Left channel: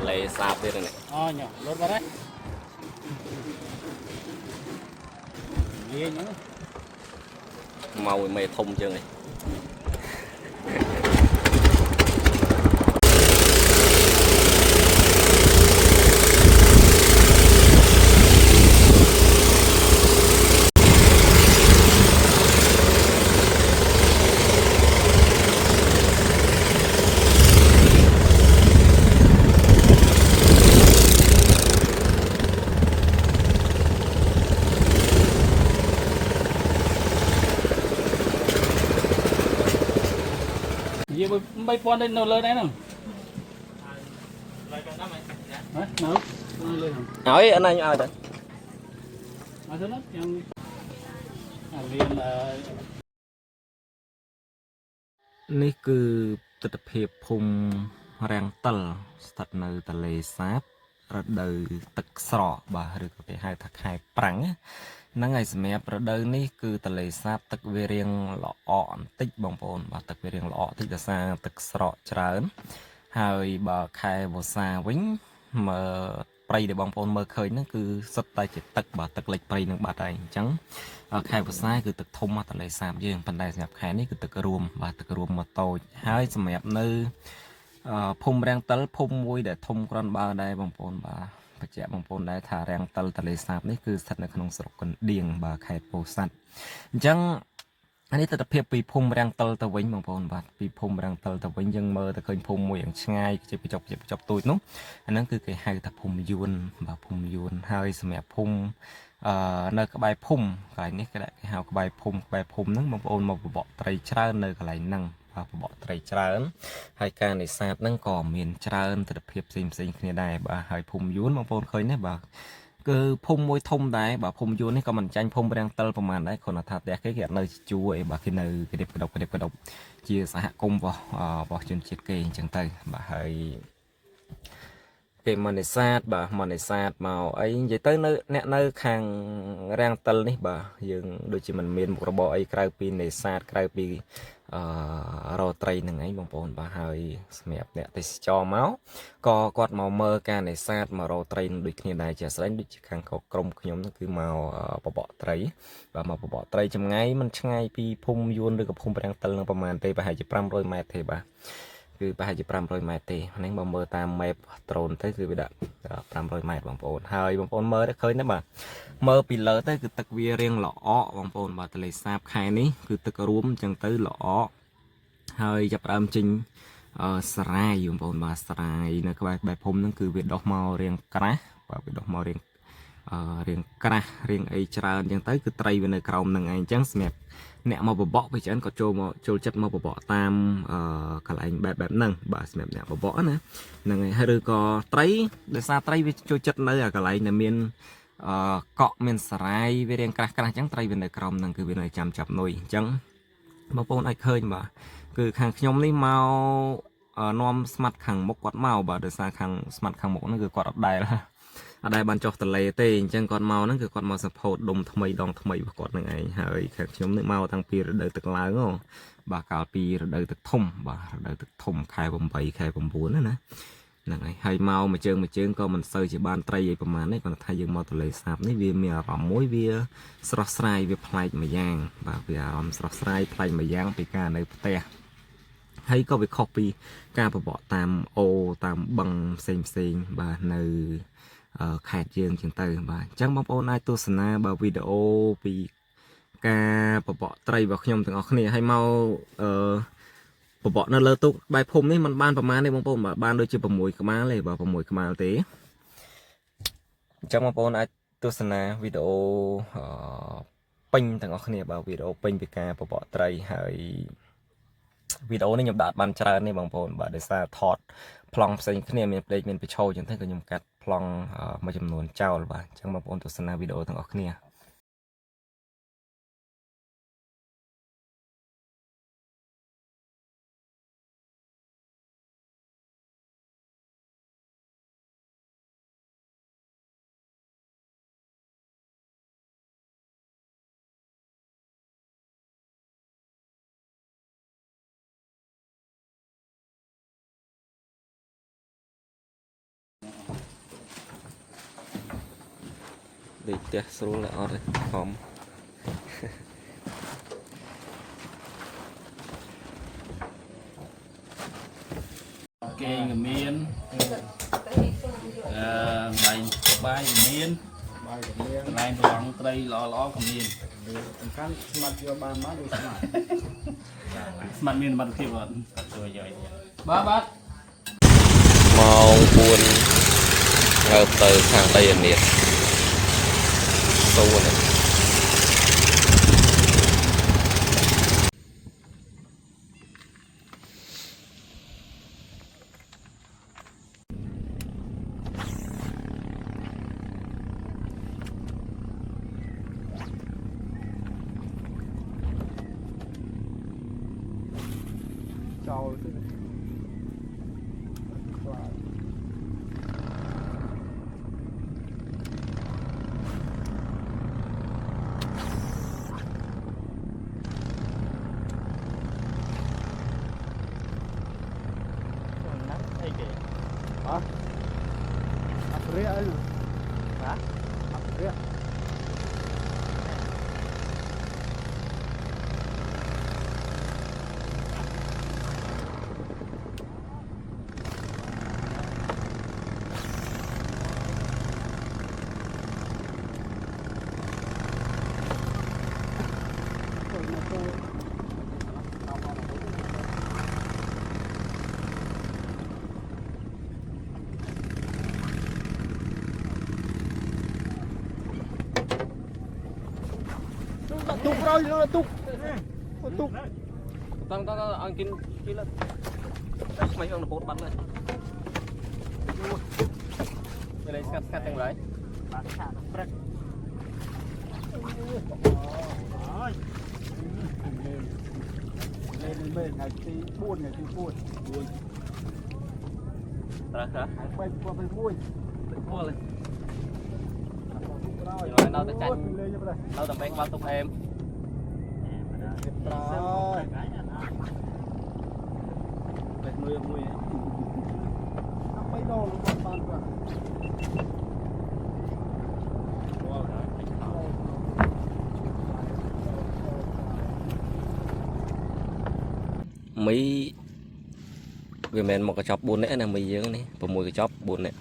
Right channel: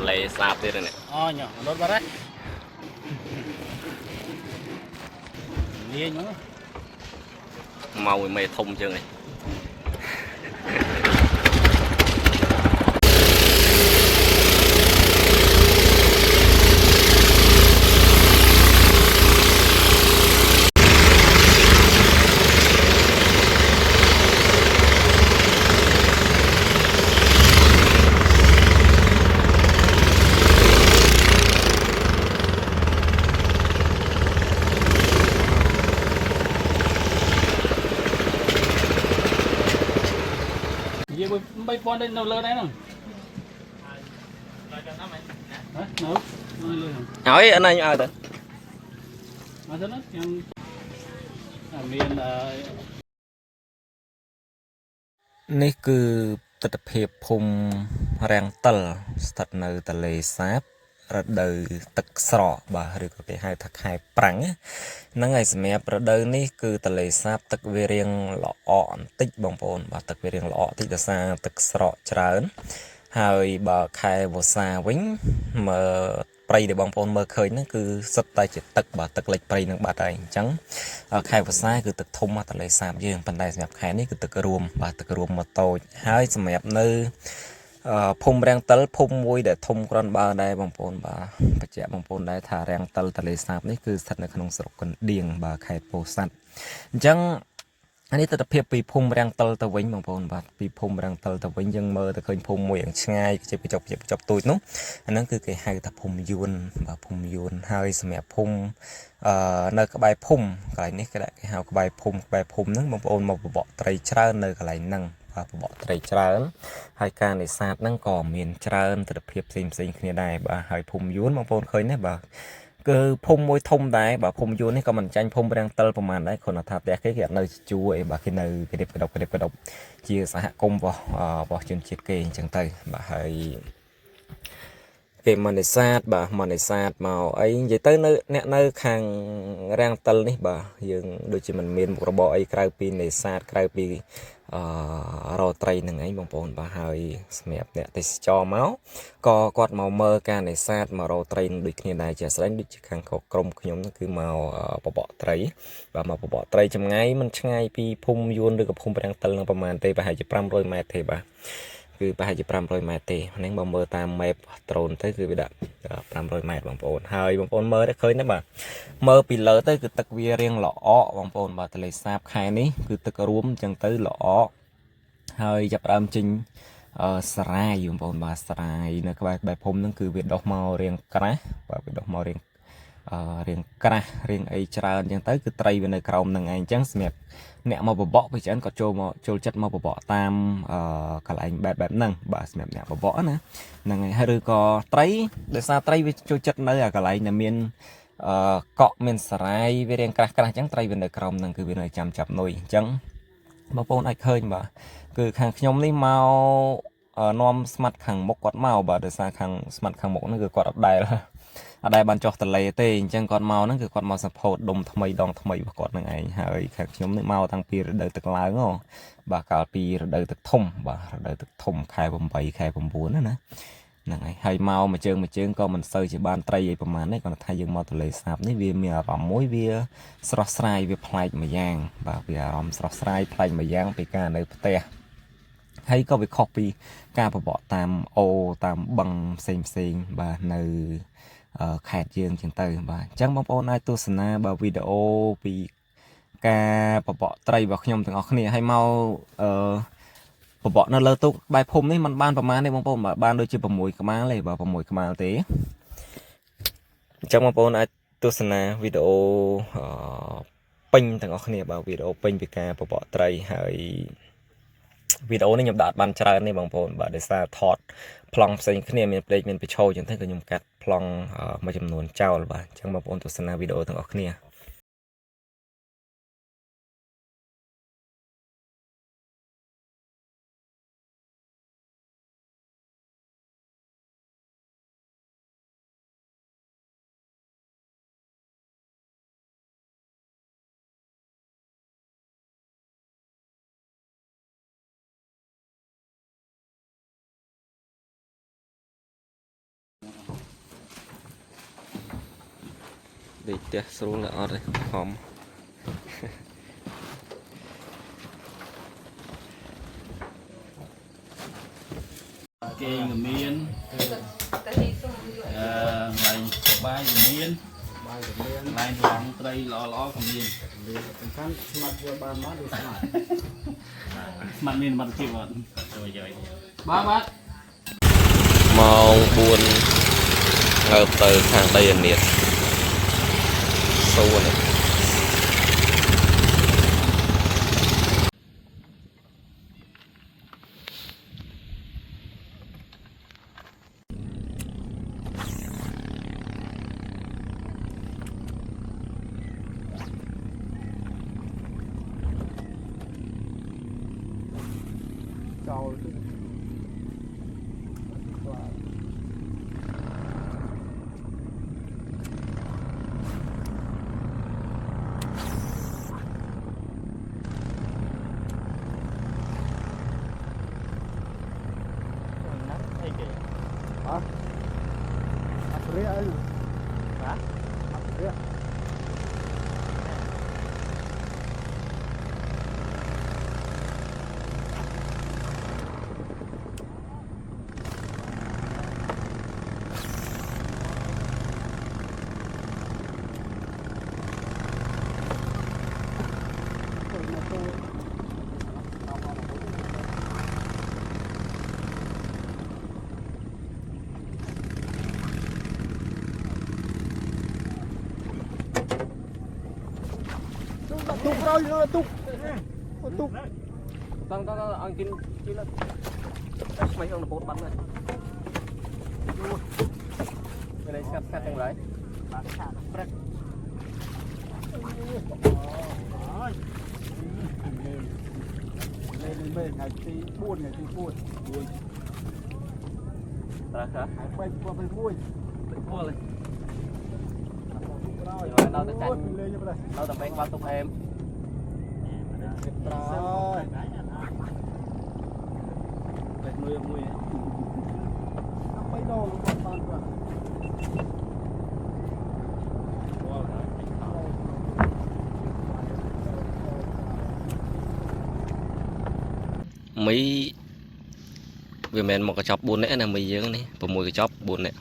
lệ sạp đi rồi này nhở lốt vào đấy nhớ màu mê thông chưa này gì bay pon lên đâu lên đấy nè hỏi anh ấy được mà nó yang miền នេះគឺទស្សនភាពភូមិរាំងតិលស្ថិតនៅទន្លេសាបរដូវទឹកស្រកបាទឬក៏គេហៅថាខែប្រាំងហ្នឹងហើយសម្រាប់រដូវនេះគឺទន្លេសាបទឹកវារៀងល្អបន្តិចបងប្អូនបាទទឹកវារៀងល្អបន្តិចដោយសារទឹកស្រកច្រើនហើយបើខែវស្សាវិញមើលព្រៃដែលបងប្អូនមើលឃើញហ្នឹងគឺសុទ្ធតែជាទឹកបាទទឹកលិចព្រៃនឹងបាត់ហើយអញ្ចឹងខែវស្សាគឺទឹកធំមកទន្លេសាបយើងប៉ុន្តែសម្រាប់ខែនេះគឺទឹករួមបាទទឹករួមមកតូចហើយសម្រាប់នៅភូមិរាំងតិលភូមិមួយដែលធំគ្រាន់បើដែរបងប្អូនបាទបញ្ជាក់បងប្អូនដែរថារាំងតិលទន្លេសាបនេះគឺស្ថិតនៅក្នុងស្រុកកណ្ដៀងបាទខេត្តពោធិ៍សាត់អញ្ចឹងនេះទស្សនភាពពីភូមិរាំងតិលទៅវិញបងប្អូនបាទពីភូមិរាំងតិលទៅវិញយើងមើលទៅឃើញភូមិមួយយ៉ាងឆ្ងាយជាបញ្ចប់ទូចនោះអាហ្នឹងគឺគេហៅថាភូមិយួនបាទភូមិយួនហើយសម្រាប់ភូមិនៅក្បែរភូមិកន្លែងនេះគេហៅក្បែរភូមិហ្នឹងបងប្អូនមកបបកត្រីច្រើននៅកន្លែងហ្នឹងបាទបបកត្រីច្រើនហើយការនេសាទហ្នឹងក៏មានច្រើនទស្សនភាពផ្សេងគ្នាដែរបាទហើយភូមិយួនបងប្អូនឃើញទេបាទគឺភូមិមួយធំដែរបាទភូមិយួននេះក៏មិនចាញ់ភូមិរាំងតិលប្រហែលដែរគ្រាន់តែថាផ្ទះគេអត់នៅជួអីបាទគេនៅគេដុបជាសហគមន៍របស់ជនជាតិគេអញ្ចឹងទៅបាទហើយគេមកនេសាទបាទមកនេសាទមកអីនិយាយទៅនៅអ្នកនៅខាងរាំងតិលនេះបាទយើងដូចជាមិនមានមុខរបរអីក្រៅពីនេសាទក្រៅពីរកត្រីនឹងឯងបងប្អូនបាទហើយសម្រាប់អ្នកទេសចរមកក៏គាត់មកមើលការនេសាទមករកត្រីនឹងដូចគ្នាដែរជាស្ដែងដូចជាខាងក្រុមខ្ញុំហ្នឹងគឺមកបបកត្រីបាទមកបបកត្រីចម្ងាយមិនឆ្ងាយពីភូមិយួនឬក៏ភូមិរាំងតិលនឹងប្រហែលទេប្រហែលជា500ម៉ែត្រទេបាទគឺប្រហែលជា500ម៉ែត្រទេហ្នឹងបើមើលតាម map drone ទៅគឺវាដាក់500ម៉ែត្របងប្អូនហើយបងប្អូនមើលទៅឃើញទេបាទមើលពីលើទៅគឺទឹកវារៀងល្អបងប្អូនបាទទន្លេសាបខែនេះគឺទឹករួមអញ្ចឹងទៅល្អហើយចាប់ដើមចេញសារាយបងប្អូនបាទសារាយនៅក្បែរភូមិហ្នឹងគឺវាដុះមករៀងក្រាស់បាទវាដុះមករៀងក្រាស់រៀងអីច្រើនអញ្ចឹងទៅគឺត្រីវានៅក្រោមហ្នឹងឯងអញ្ចឹងសម្រាប់អ្នកមកបបកពីច្រើនក៏ចូលចិត្តមកបបកតាមកន្លែងបែបហ្នឹងបាទសម្រាប់អ្នកបបកណាហ្នឹងហើយឬក៏ត្រីដោយសារត្រីវាចូលចិត្តនៅអាកន្លែងដែលមានកក់មានសារាយវារៀងក្រាស់អញ្ចឹងត្រីវានៅក្រោមហ្នឹងគឺវានៅចាំចាប់នុយអញ្ចឹងបងប្អូនអាចឃើញបាទគឺខាងខ្ញុំនេះមកនាំស្មាត់ខាងមុខគាត់មកបាទដោយសារខាងស្មាត់ខាងមុខហ្នឹងគឺគាត់អត់ដែលបានចុះទន្លេទេអញ្ចឹងគាត់មកហ្នឹងគឺគាត់មកសភោតដុំថ្មីដងថ្មីរបស់គាត់នឹងឯងហើយខាងខ្ញុំនេះមកតាំងពីរដូវទឹកឡើងហ៎បាទកាលពីរដូវទឹកធំបាទរដូវទឹកធំខែ8ខែ9ណាហ្នឹងហើយមកមួយជើងក៏មិនសូវជាបានត្រីអីប្រហែលនេះគាត់ថាយើងមកទន្លេសាបនេះវាមានអារម្មណ៍មួយវាស្រស់ស្រាយវាប្លែកម្យ៉ាងបាទវាអារម្មណ៍ស្រស់ស្រាយប្លែកម្យ៉ាងពីការនៅផ្ទះហើយក៏វាខុសពីការបបកតាមអូតាមបឹងផ្សេងបាទនៅខេត្តយើងចឹងទៅបាទអញ្ចឹងបងប្អូនអាចទស្សនាបើវីដេអូពីការបបកត្រីរបស់ខ្ញុំទាំងអស់គ្នាឲ្យមកបបកនៅលើទូកបែបភូមិនេះมันបានប្រមាណទេបងប្អូនបាទបានដូចជា6ក្បាលទេបាទ6ក្បាលទេអញ្ចឹងបងប្អូនអាចទស្សនាវីដេអូពេញទាំងអស់គ្នាបាទវីដេអូពេញពីការបបកត្រីហើយវីដេអូនេះខ្ញុំដាក់បានច្រើនទេបងប្អូនបាទដោយសារថតប្លង់ផ្សេងគ្នាមានផ្លេកមានបញ្ឈរចឹងទៅក៏ខ្ញុំកាត់ប្លង់មួយចំនួនចោលបាទអញ្ចឹងបងប្អូនទស្សនាវីដេអូទាំងអស់គ្នា đi tiếc xuống là ọt đây hòm kê người miên lành ba người miên lành lòng tây lo của miên mặt miên mặt thiệp rồi ba mong buồn ngợp từ sang đây nhiệt sâu này tục rồi nó tục tục tăng ăn kín kín lên mấy ông là bột bắn này đây là cắt từng đấy lên bên ngày tí buồn hả quay qua bên buồn mua lên đâu tới cạnh đâu tầm bên qua tục em rồi nuôi nuôi mấy đồ luôn còn toàn cả mấy vì mình một cái chóp buồn nữa là mì dưỡng này và mùi cái chóp buồn này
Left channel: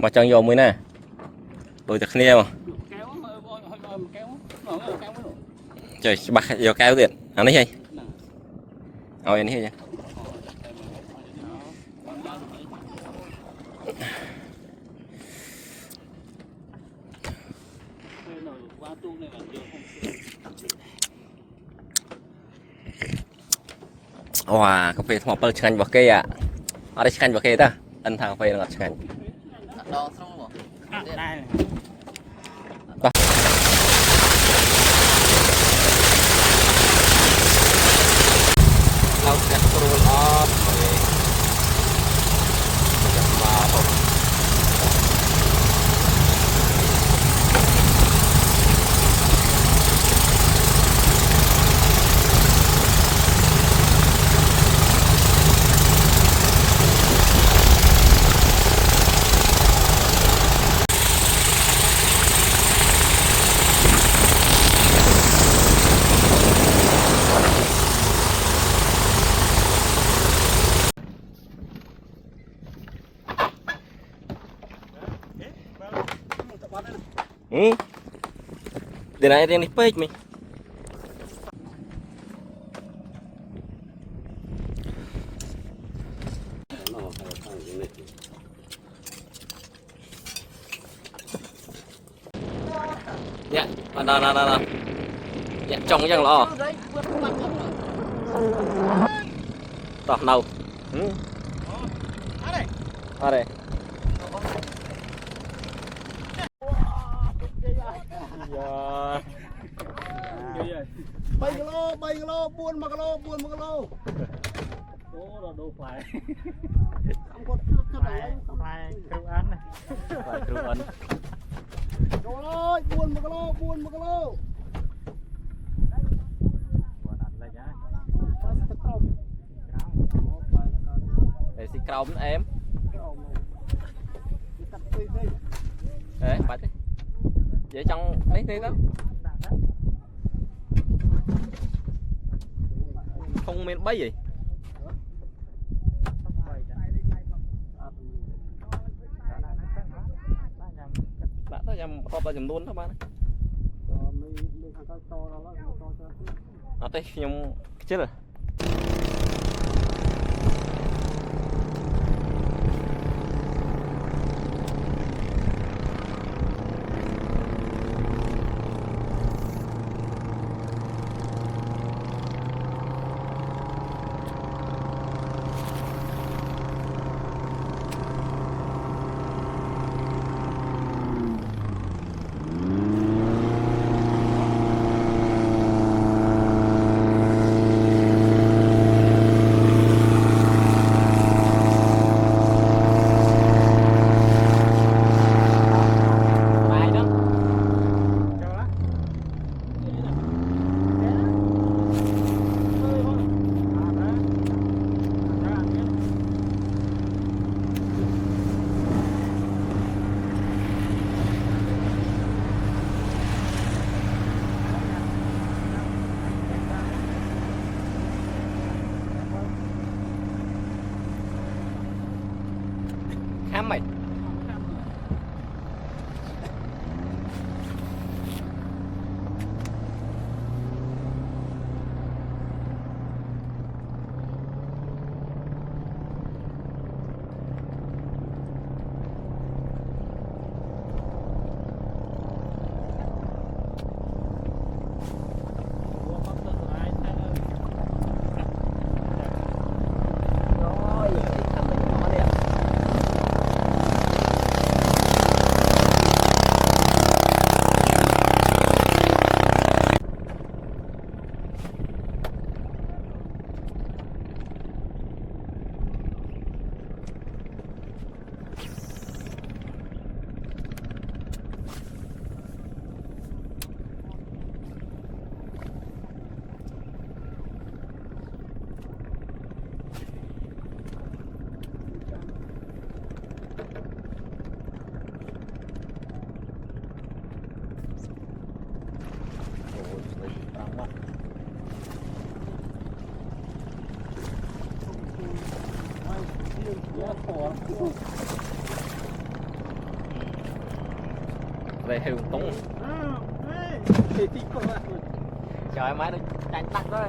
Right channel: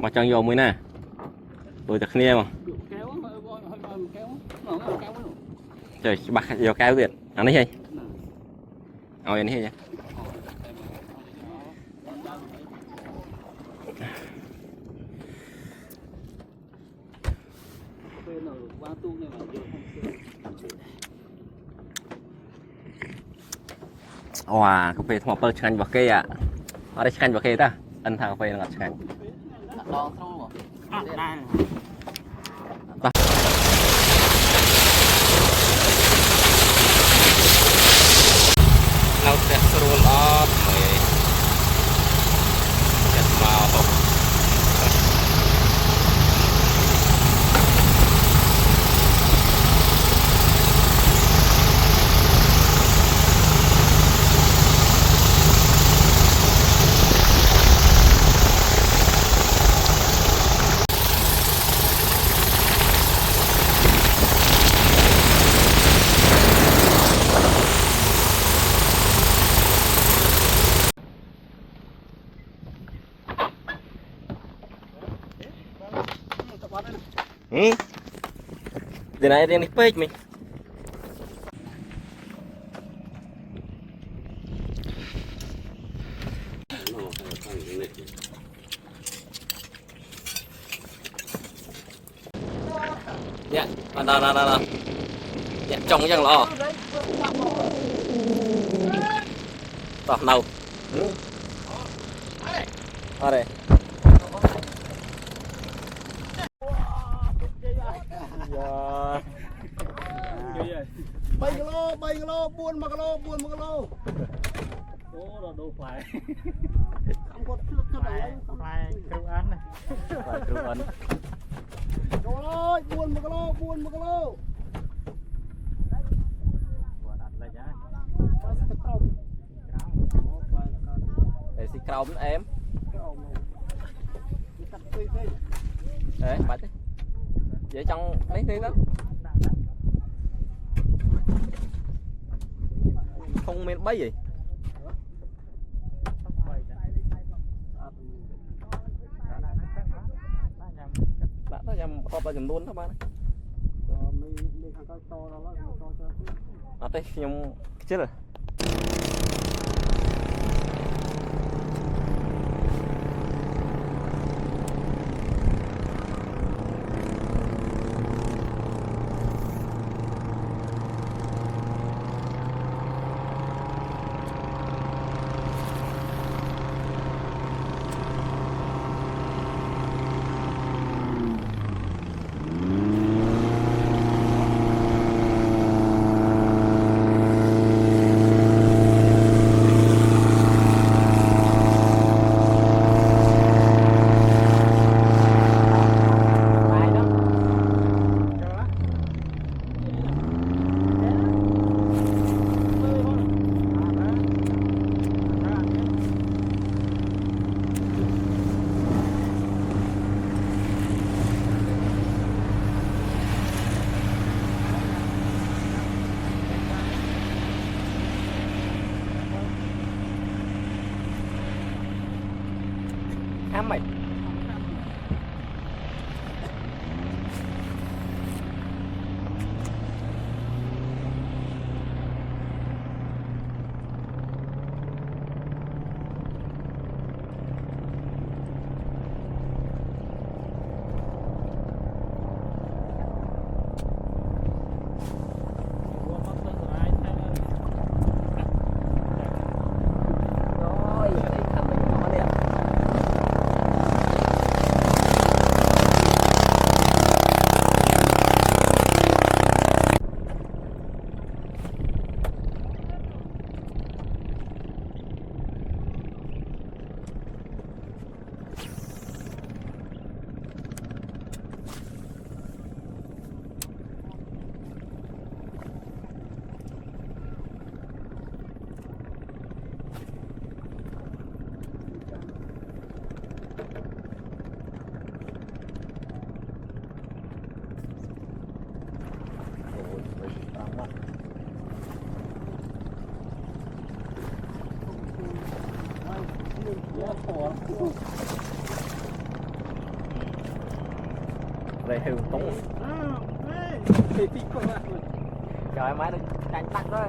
mà chẳng vô mới nè đôi thật nia mà trời bạc vô kéo tiền ăn đi hay ao ăn đi nha wow cà phê thằng bơ chanh vào cây à ở đây chanh vào cây ta ăn thằng phê là chanh lâu sẽ scroll up mày sẽ vào không Dia nak yang ni page ni. Dạ, đó. Dạ, trông chẳng lo. Tỏ nào. Ở đây. bay kilo buồn 1 kilo Ủa là đồ phải không có phải kêu ăn này Phải kêu ăn trời ơi buồn 1 kilo Quả đặt lại nhá cào em đấy bạch vậy trong mấy thứ đó không men bấy gì đã tới nhầm hộp là nhầm luôn đó bạn ở đây nhầm chết rồi mày về hưu túng trời máy được đánh tắt rồi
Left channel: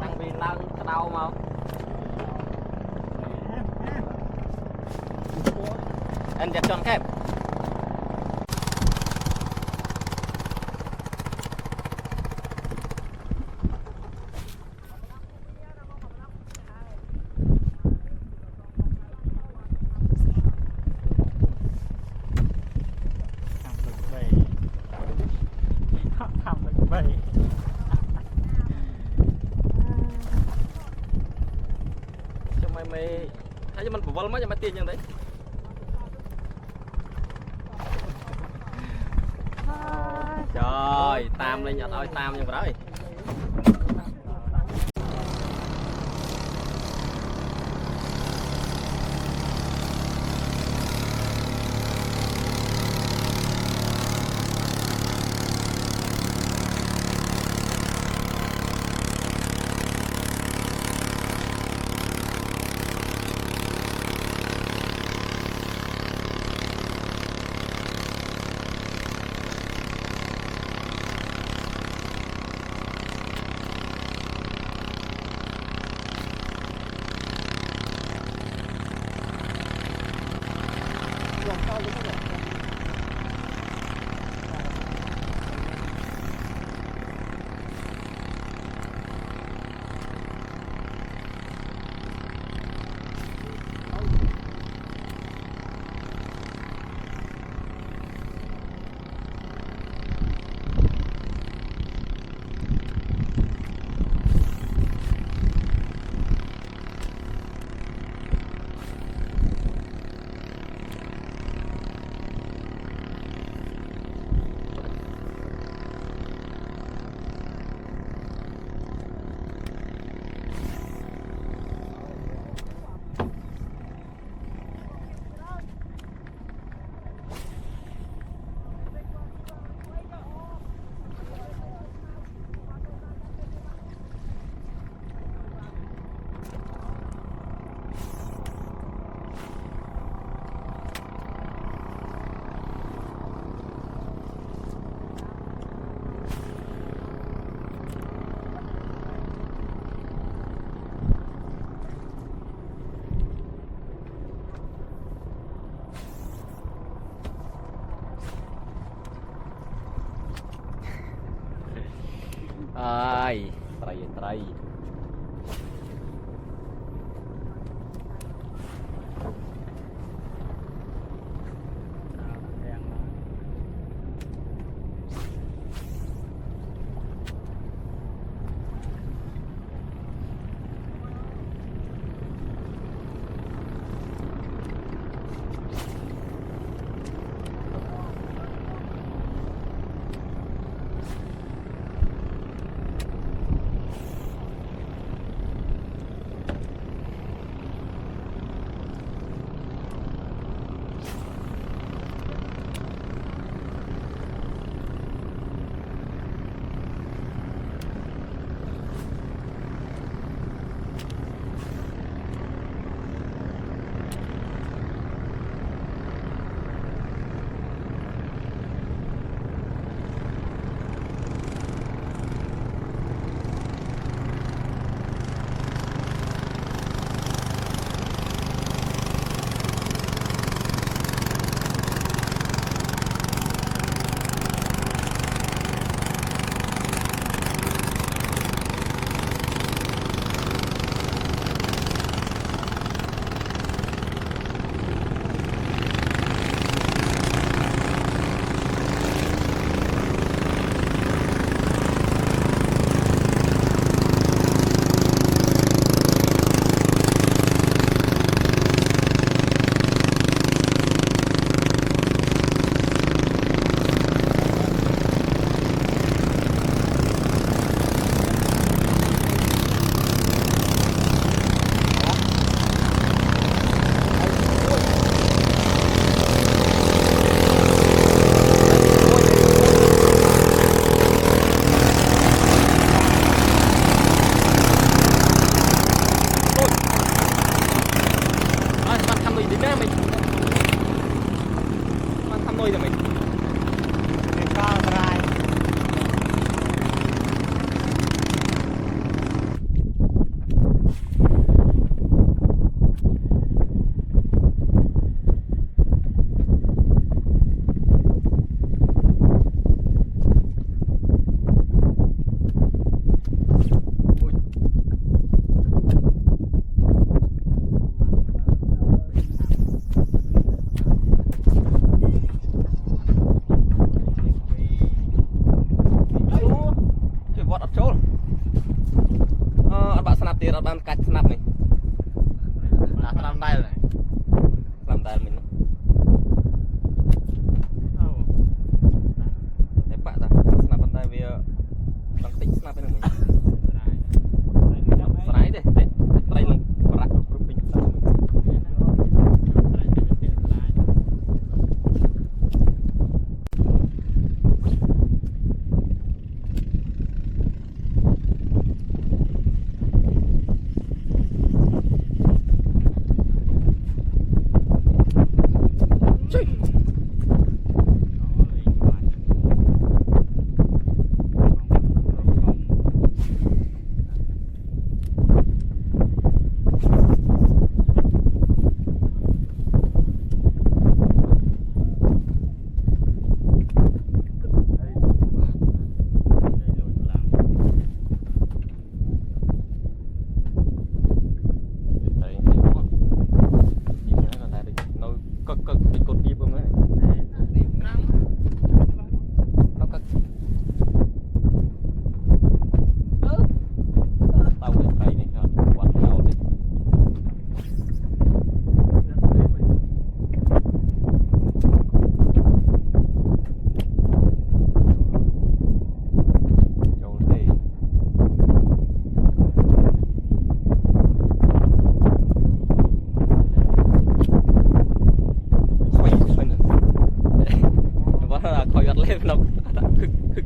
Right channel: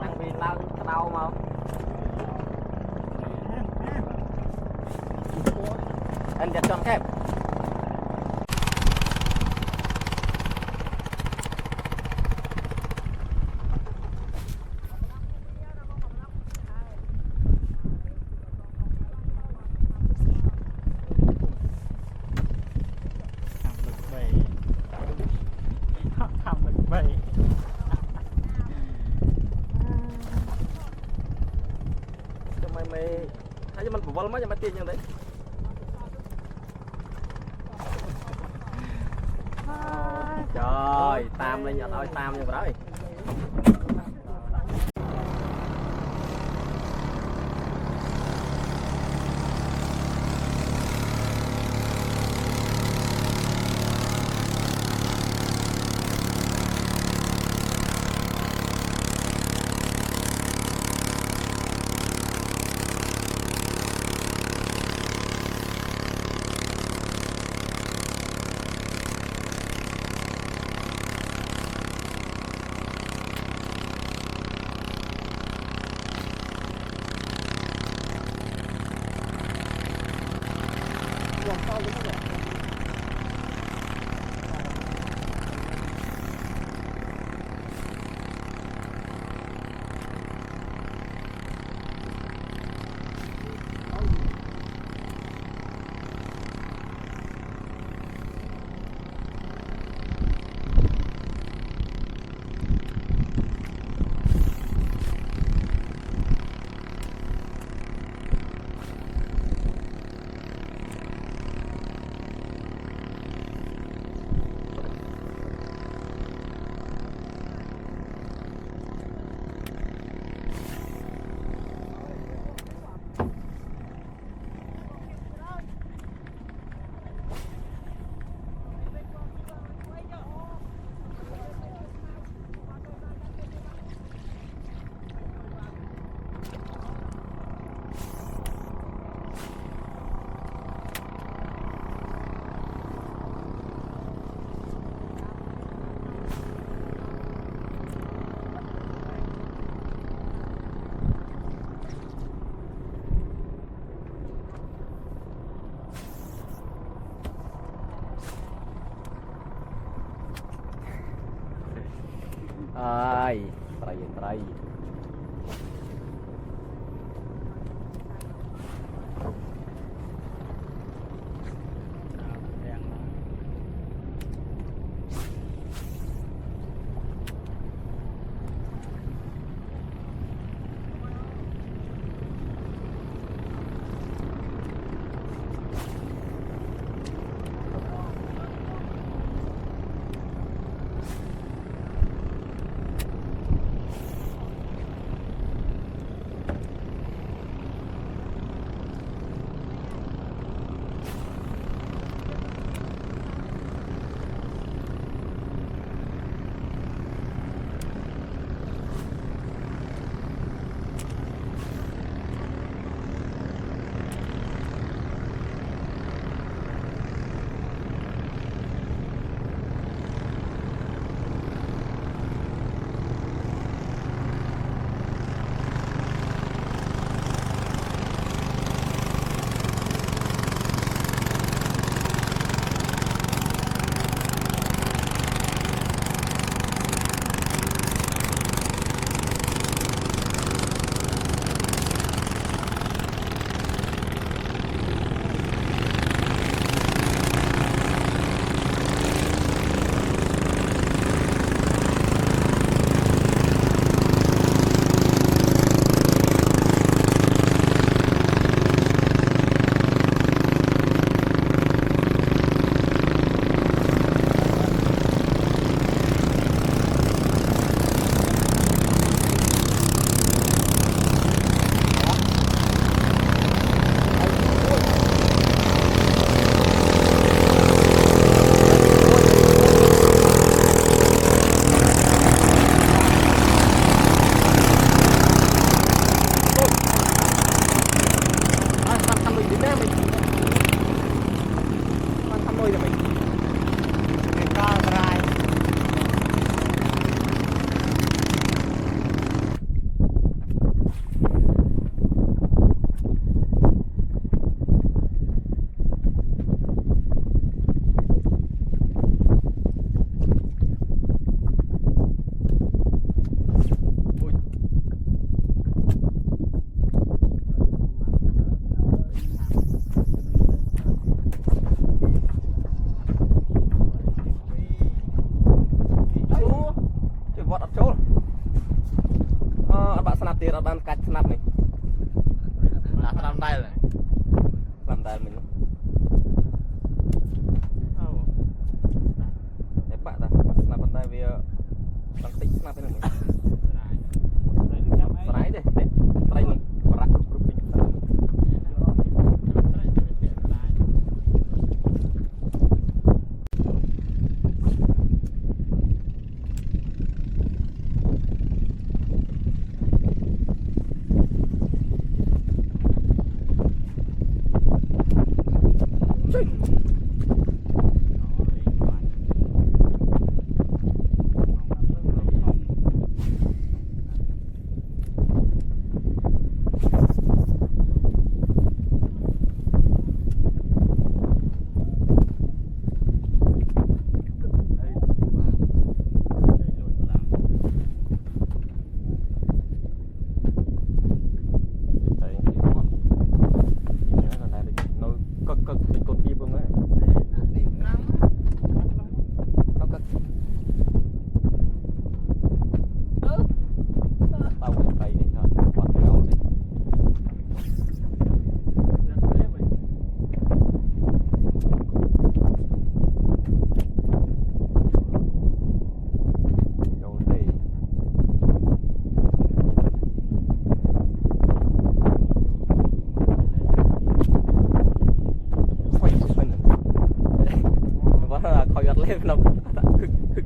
đang vì lao cái đau mà anh chặt tròn kép mày thấy cho mình phụ vân mới cho mày tiền như đấy trời tam lên nhặt ơi tam như vậy ai trai traiទៀតអត់បានកាច់ស្នាប់នេះដាក់ស្នាប់ដែលស្នាប់ដែលមិញអូតែបាក់តាស្នាប់បណ្ដៃវាដល់តិចស្នាប់ហ្នឹងមិញស្រ័យទេត្រីនឹងប្រាក់គ្រប់ពេញស្នាប់lên nó khức khức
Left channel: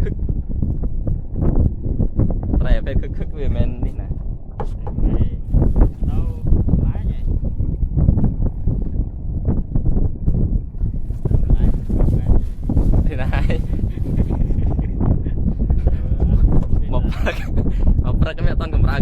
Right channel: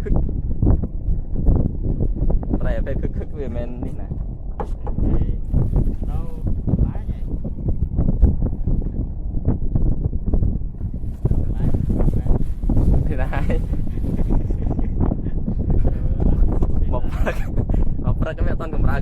khức này phải khức khức về men đi này thì này một cái mẹ toàn cầm ra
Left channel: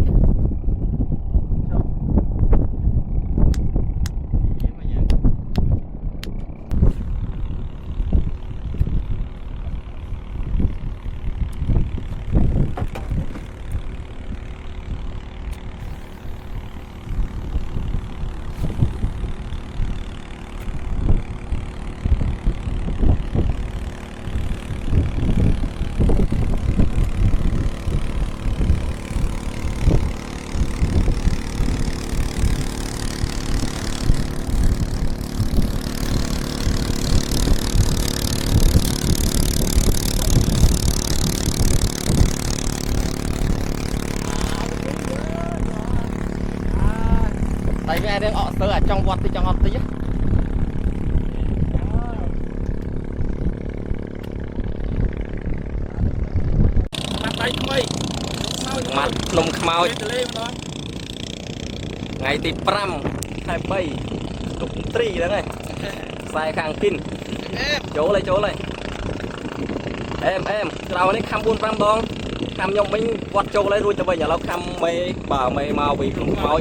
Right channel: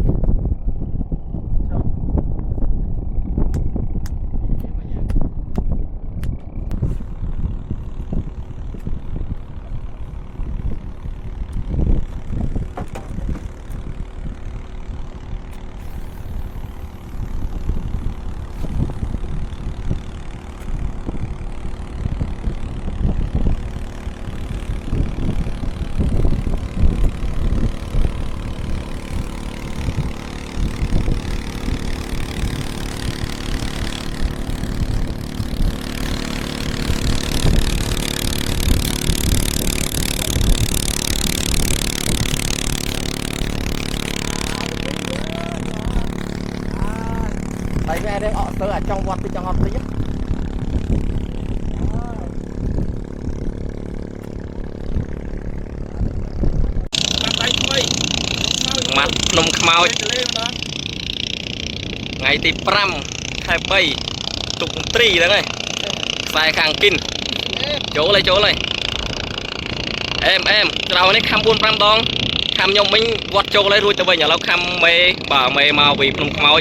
tại vì đang ở sơ ở trong vọt thì trong ngọt tí mặt nông khmau ngày tí pram hai bay tục tri đó này sai khang pin chỗ này em trao này khăm buôn pram đong khăm nhom mình vọt chỗ lấy rồi từ bây giờเราkhăm mê bảo mê màu vì nông khmau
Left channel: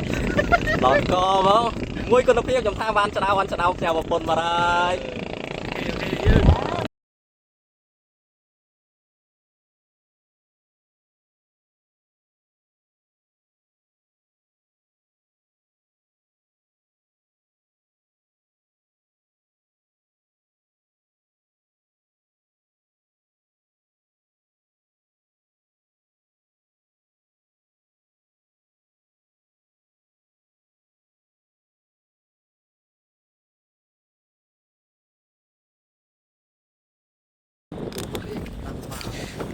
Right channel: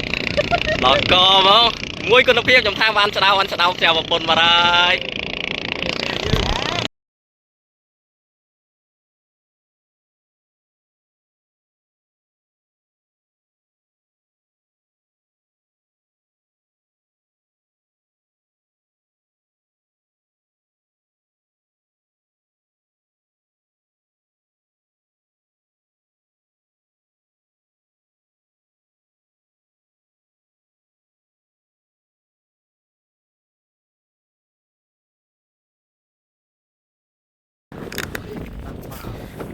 lọt co không ngôi con nó phía trong tham ăn sao treo vào bồn mà đây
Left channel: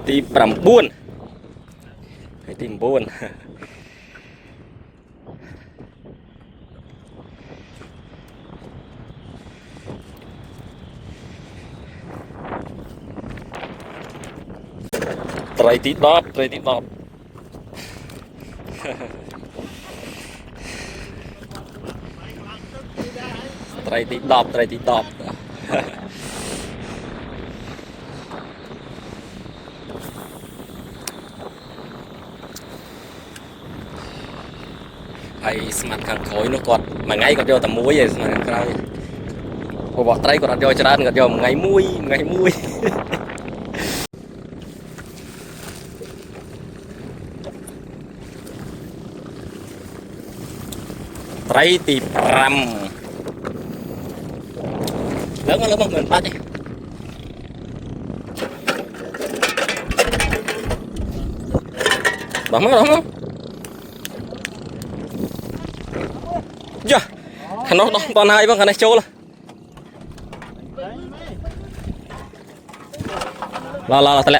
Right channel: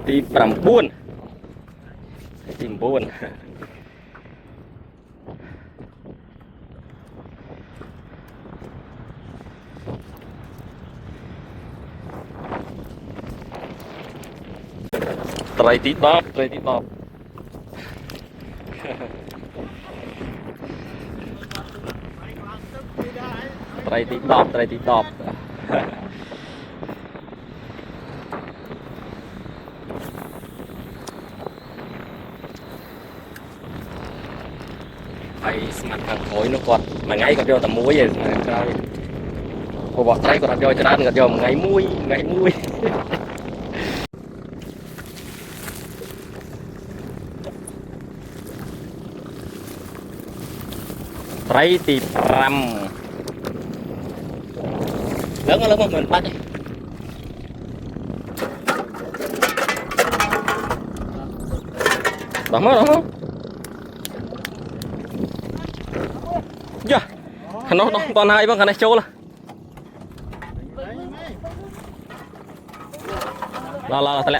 tìm làm buôn tìm buôn trai tí đọt trai tí đọt hay sẵn khăn khối nó còn mà ngay còn vô tầm muối vậy mà khăn khối bọt tay còn đặt vô cho ra còn vô ngày muối trai tí pram lớn không mình bắt đi đúng không dạ nó còn hai băng cái này trâu là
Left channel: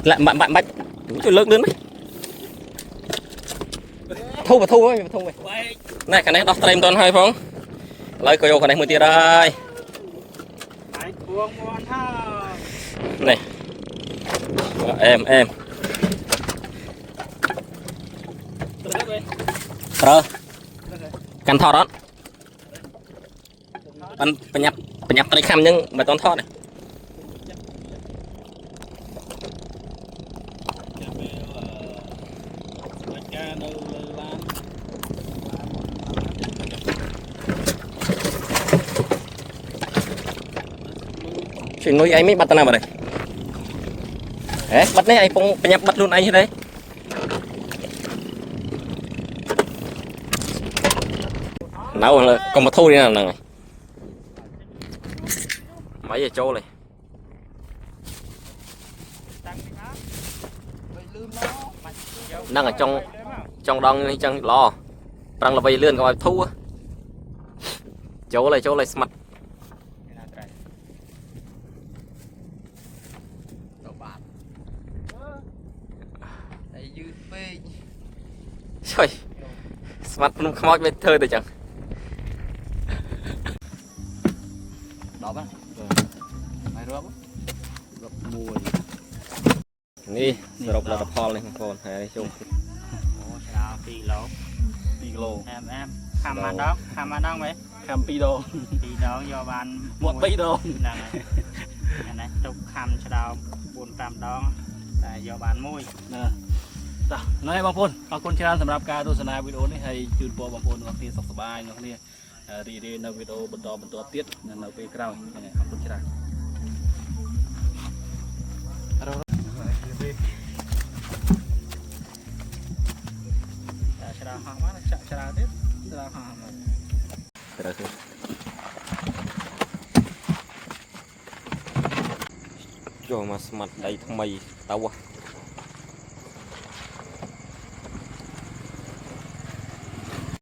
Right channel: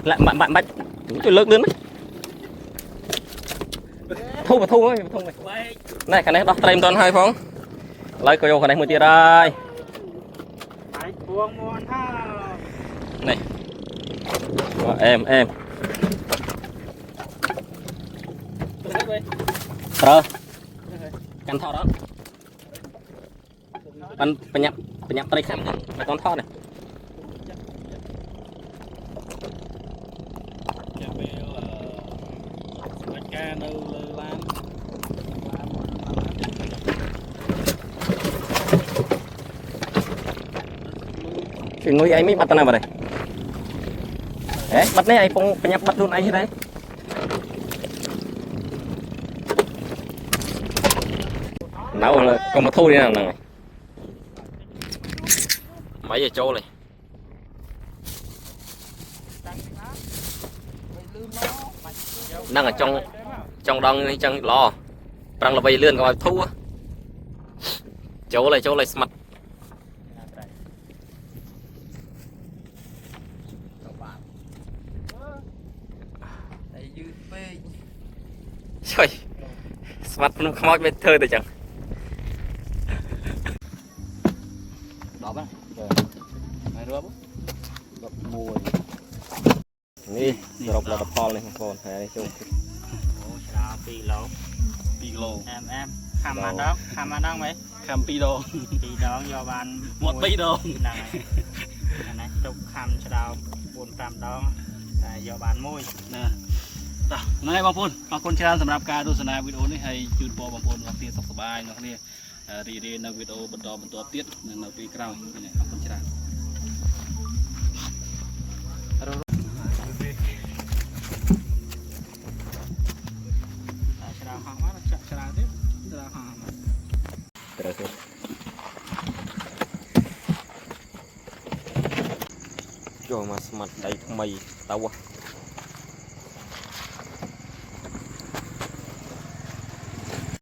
lại bạn bạch tôi lớn lớn đấy thu mày này cái này đọc stream toàn hai phong lấy coi cái này một tia đây này em Trơ căn thọ đó anh phải nhập tay khăm nhưng mà toàn thọ này chuyện nuôi anh mới bắt nào vào đây đấy bắt đấy anh không phải nhập bắt luôn anh như đấy nấu là còn một thu đi nào này mấy giờ trâu này đang ở trong đông trong lò đang là bay lươn coi thu á chỗ này mặt trời mặt không mỏi bên thơ được chẳngนี่รบระดับพอเลยทุกคนหาได้จุกโอ้ชาวปีโลemทำมาดองไหมทำปีดองยอบานหมดปีดองนั่นนะจุกทำชาวบุญตามดองแต่ยอบานมุ้ยนะต่อนายบางคนขอบคุณที่สำหรับการดูสนาวิดีโอนี้ให้จุดโปรบางคนวันที่สบายนะนี่เรียนในวิดีโอบรรทเตี้ยในปีกลางนี่ขอบคุณที่cho mà mặt đầy mày tao